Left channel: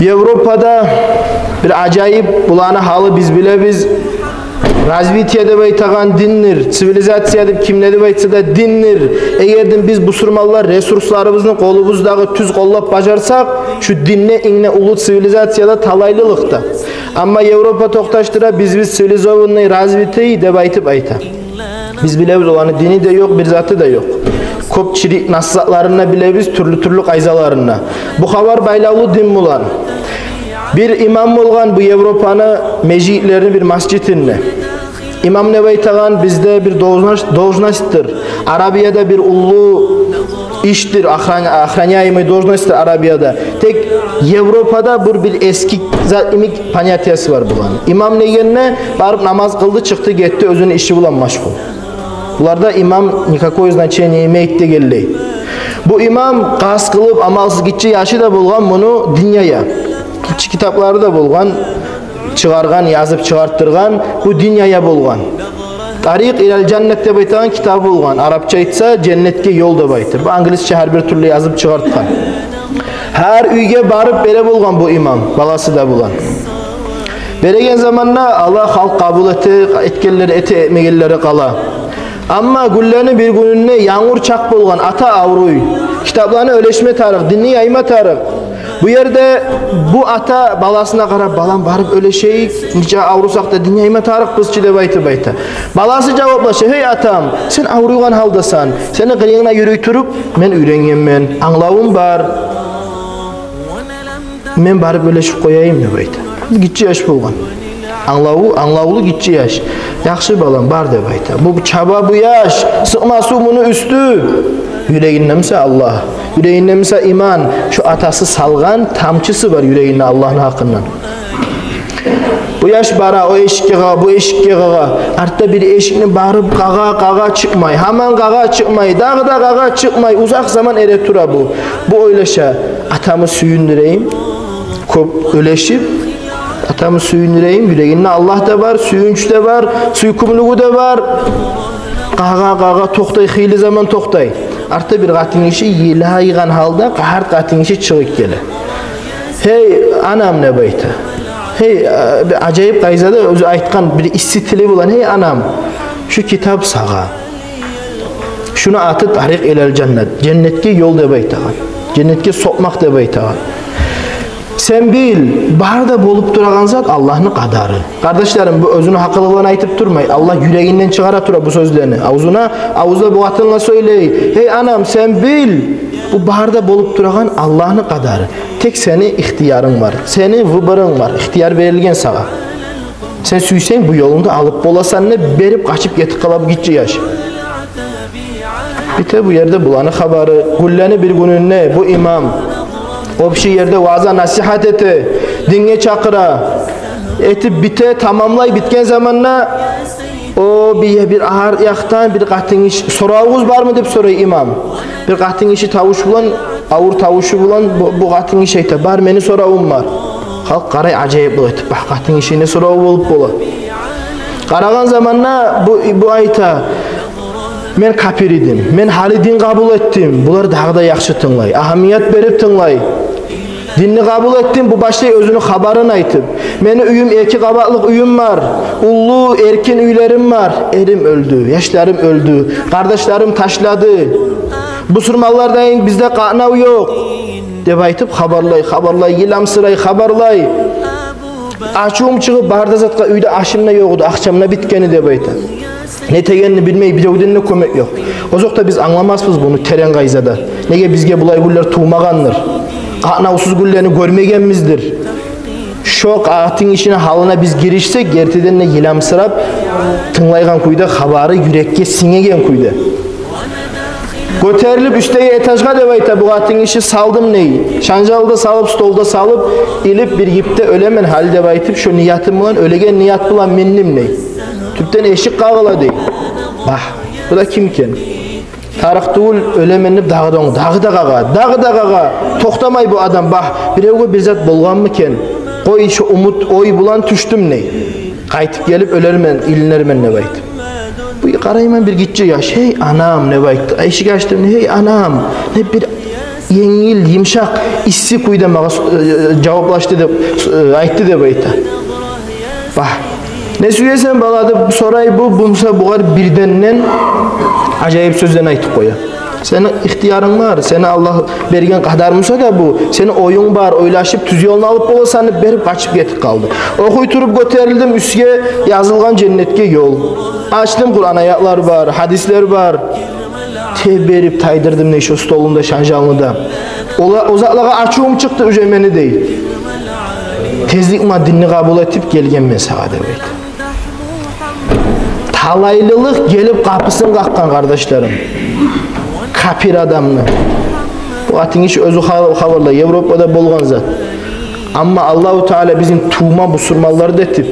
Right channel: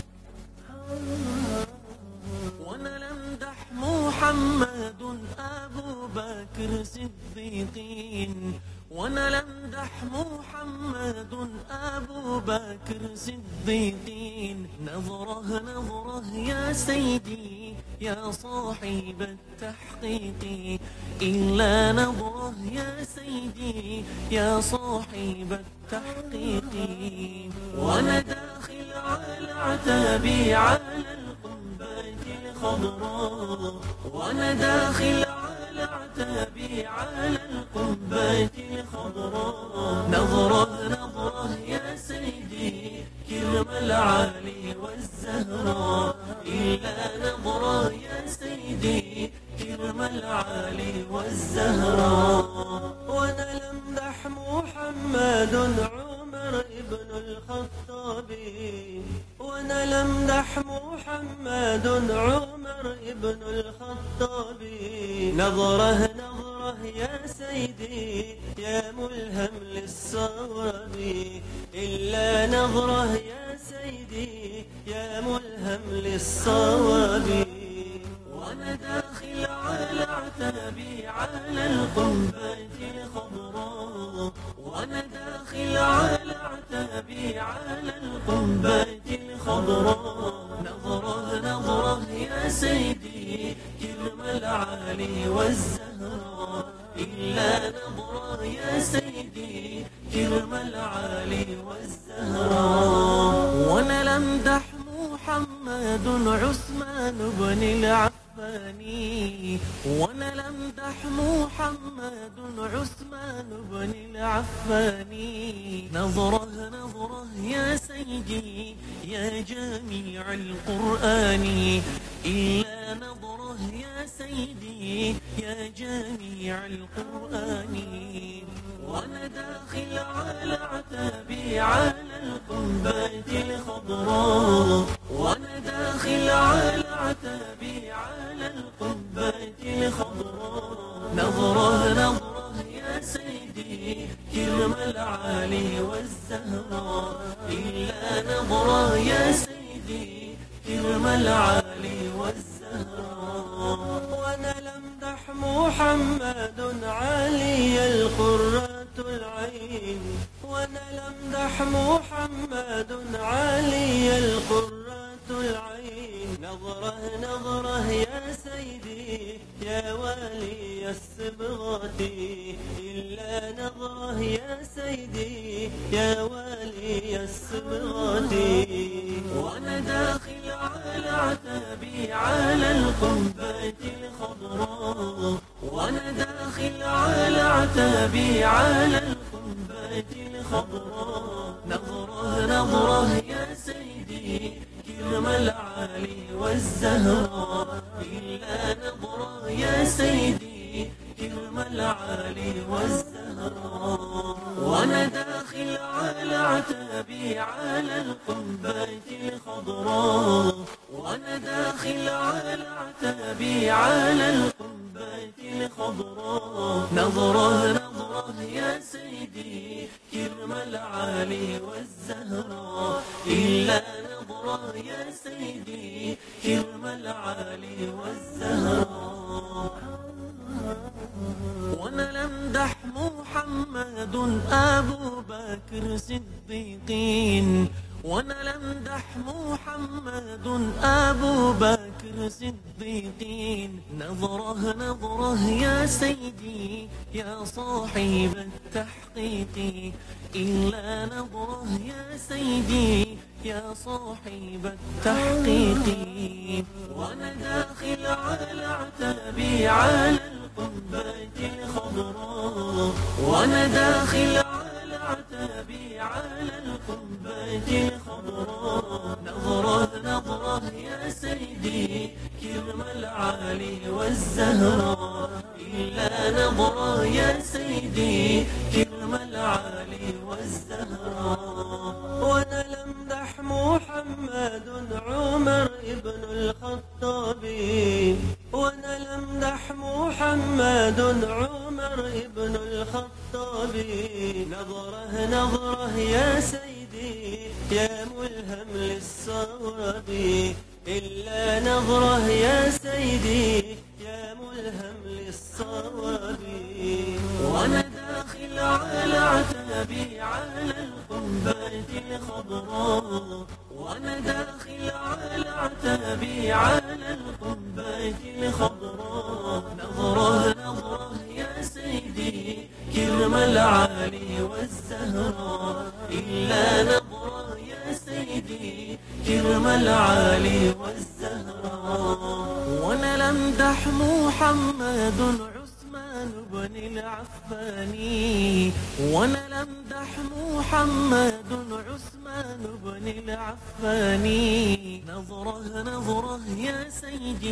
Yevropada bir acayip bulana halı biz bilebiz. Razvitiya deb aytagan dindir, sivilizatsiya deb kim ne deb aytsa da dindir. Egerden biz bu surmallar resurslarımızın kolumuzdağı tüz qollap bajarsak, şu dinne inne ulu sivilizatsiyada talaylılıkta. Ama Yevropa toktaştıra biz sivilizovanный razvitiyi deb aytıp ayta. Biz bilebiz olanı dini de yok, bir zatı da yok. Köp çirik nasihatlarına bilebiz, türlü qayzalarına. Bu havar baylaulu din bulan. Bir imam bolgan bu Yevropanı mecitlerini bir masjidinde. İmam ne baytagan bizde bir должностьтır. Arabiyada bir ulu iştir, охраняемый должностьтır Arabiyada. Tek Yevropada bir eski imik понятиясы var bulan. İmam ne barıp namaz kıldı, çıktı, gitti, özünün işi bulan maşgul. Bunlarda imam никакое значение имеет de Bu imam qas kılıp amalsız gitçi yaşı da bulgan bunu dünyaya. Kitapları da bulgan, çıgargan, yazıp çıgarttırgan, bu dünyaya bulgan. Tariq ilal cennet deb aytagan kitabı bulgan. Arapça aytsa cennetke yol deb aytır. Bu İngilizce her bir türlü yazıp çıgartkan. Her uyge barıp bere bulgan bu imam, balası da bulan. Beregen zamanla Allah halk kabul etkenleri etmegenleri kala. Ama güllerini bir gününe yağmur çak bolgan ata avruy. Kitaplarını öleşme tarık, dinni yayma tarık. Bu yerde bu ata balasına qarab, balam barıp öleşeyik, nice avrusak da dinni yayma tarık kızçı deb aytı bayta. Balası cevaplaşa, hey atam, sen avruygan haldasan, seni kıyığına yürüy turup, men ürengenmen, anlawım bar. Men barıp öleşip koyayım deb ayta. Gitçi yaş bolgan. Anlawlı gitçi yaş. Yaxşı balam bar deb ayta. Bu çaba bu yaş, sıkması bunu üstü. Yüreğinde misal Allah, yüreğinde misal iman. Şu atası salgan tamçısı var yüreğinde Allah'ın hakkından. Bu yaş bara, o eşikке qağa, bu eşikke qağa. Artta bir eşikni barıp qağa çıkmay. Haman qağa çıkmay, dağda qağa çıkmay. Uzak zaman ere tura bu. Bu oylaşa, atamı süyündüreyim. Köp öleşip, atamı süyündüreyim. Yüreğinde Allah da var, süyünç de var, suykumluğu da var. Qağa toktay, xeyli zaman toktay. Artta bir qatın işi yilaygan halda, qahar qatın işi çıgık gelir. Hey anam ne bayta. Hey acayip qayzada özü aytkan bir istitili bulan hey anam şu kitap sağa. Şunu atı tariq ilal cennet. Cennetke yol deb aytagan. Cennetke sokmak deb aytagan. Sen bil, barda bolup duragan zat Allah'ın kadarı. Kardeşlerim bu özünü hakkılığına aytıp durmay. Allah yüreğinden çıkara tura bu sözlerini. Ağuzda bu atınla söyley. Hey anam sen bil, bu barda bolup duragan Allah'ın kadarı. Tek seni ihtiyarın var. Senin vıbırın var. İhtiyar verilgen sana. Sen süysen bu yolunda alıp bolasan ne berip kaçıp getip kalıp gitçi yaş. Bite bu yerde bulanı habarı. Gülleni bir günün ne? Bu imam. O bir şey yerde vaaz'a nasihat eti, dinge çakıra, etip bite tamamlay bitken zamanla o bir ağır yaktan bir qatın işi sorağınız var mı deb soruyor imam. Bir qatın işi tavuş bulan, ağır tavuşu bulan bu qatın işi ayta bar meni sorağım var. Halk qaray acayip bu etip qatın işi ne sorağı bolup bola. Qaragan zamanla bu ayta men kafir idim, men hali din kabul ettim. Bular dağda yaxşı tınlay, ahamiyet berip tınlay. Dinni kabul ettim, bu başta özünü habarını aytıp. Meni üyüm, iki qabatlık üyüm var. Ullu, erkin üylerim var. Erim öldü, yaşlarım öldü. Kardeşlerim taşladı. Bu surmallardayın bizde qanav yok. Deb aytıp habarlay, yilamsıray, habarlay. Açığım çıkıp barda zatqa üyde aşımna yoğudu, akşamına bitkeni deb aytı. Ne tegenini bilmeyi, birovdan ne kömek yok. O zokta biz anlamazpız bunu teren qayzada. Nege bizge bulay güller tuğmagandır. Qanavsız güllerini görmegenmizdir. Şok ağıtın işine halına biz girişsek, gerteden ne yilamsırap, tınlaygan kuyda habarı yürekke singegen kuyda. Göterilip üstegi etajga deb ayta bu qatın işi saldım neyi? Şanjalda salıp, stolda salıp, ilip bir yipte ölemen hal deb aytıp, şu niyatim bulan, ölegen niyat bulan mennim neyi? Tüpten eşik qağıla dey. Bah, bu da kimken? Tarıqtuğul ölemenip dağda qağa, toxtamay bu adam, bah, birevge bir zat bolgan mı ken? Qoy şu umut, oy bulan tüştüm neyi? Qaytıp gelip ölermen, ilinlermen ne baytı? Bu qarayman bir gitçi yaş, hey anam ne baytı? Eşik açtım, hey anam, ne bir yengil, yumşak, issiq uyda mağa cevaplaştı deb aytdı deb aytdı. Bak, ne söylesen baladı soray bu bumsa buğar birdenden acayip sözden aytıp koyar. Senin ihtiyarın var, sana Allah bergen qadarmısa da bu, senin oyun var, oylaşıp tüz yolunu alıp olasanı berip kaçıp getip kaldı. Okuy turup göterildim üstüge yazılgan cennetke yol. Açtım Kur'an ayatlar var, hadisler var. Berip taydırdım neşe stolunda şanjalmıda. O zatlağa açığım çıktı ücemeni değil. Tezlik maddini kabul etip gelgen mesade böyle. Talaylılık gelip kapısını kakkan kardeşlerim. Kapir adamını. Bu atın hiç özü havarla Avrupa'da bolgan zat. Ama Allahu Teala bizim tuğma busurmalları da etip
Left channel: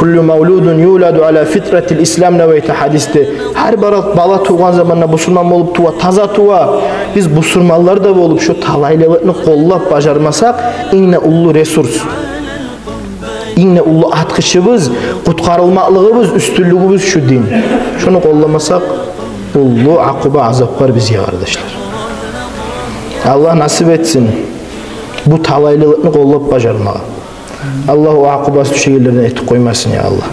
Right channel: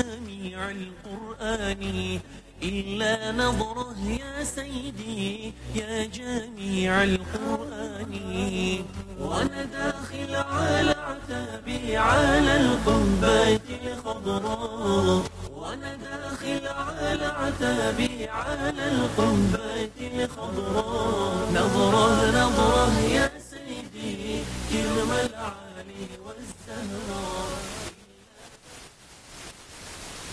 kullu mevludun yuladu ala fitretil İslam neveyte hadiste. Her bala tuğan zamanla busurman olup tuğa, taza tuğa. Biz busurmalları da olup şu talaylılıkını kollap bacarmasak inne ullu resurs. İnne ullu atqışımız, qutqarılmaqlığımız, üstünlüğümüz şu din. Şunu kollamasak ullu akuba azap var bize kardeşler. Allah nasip etsin bu talaylılıkını kollap bacarmağa. Allah o akubası düşe yerlerine etip koymasın ya Allah.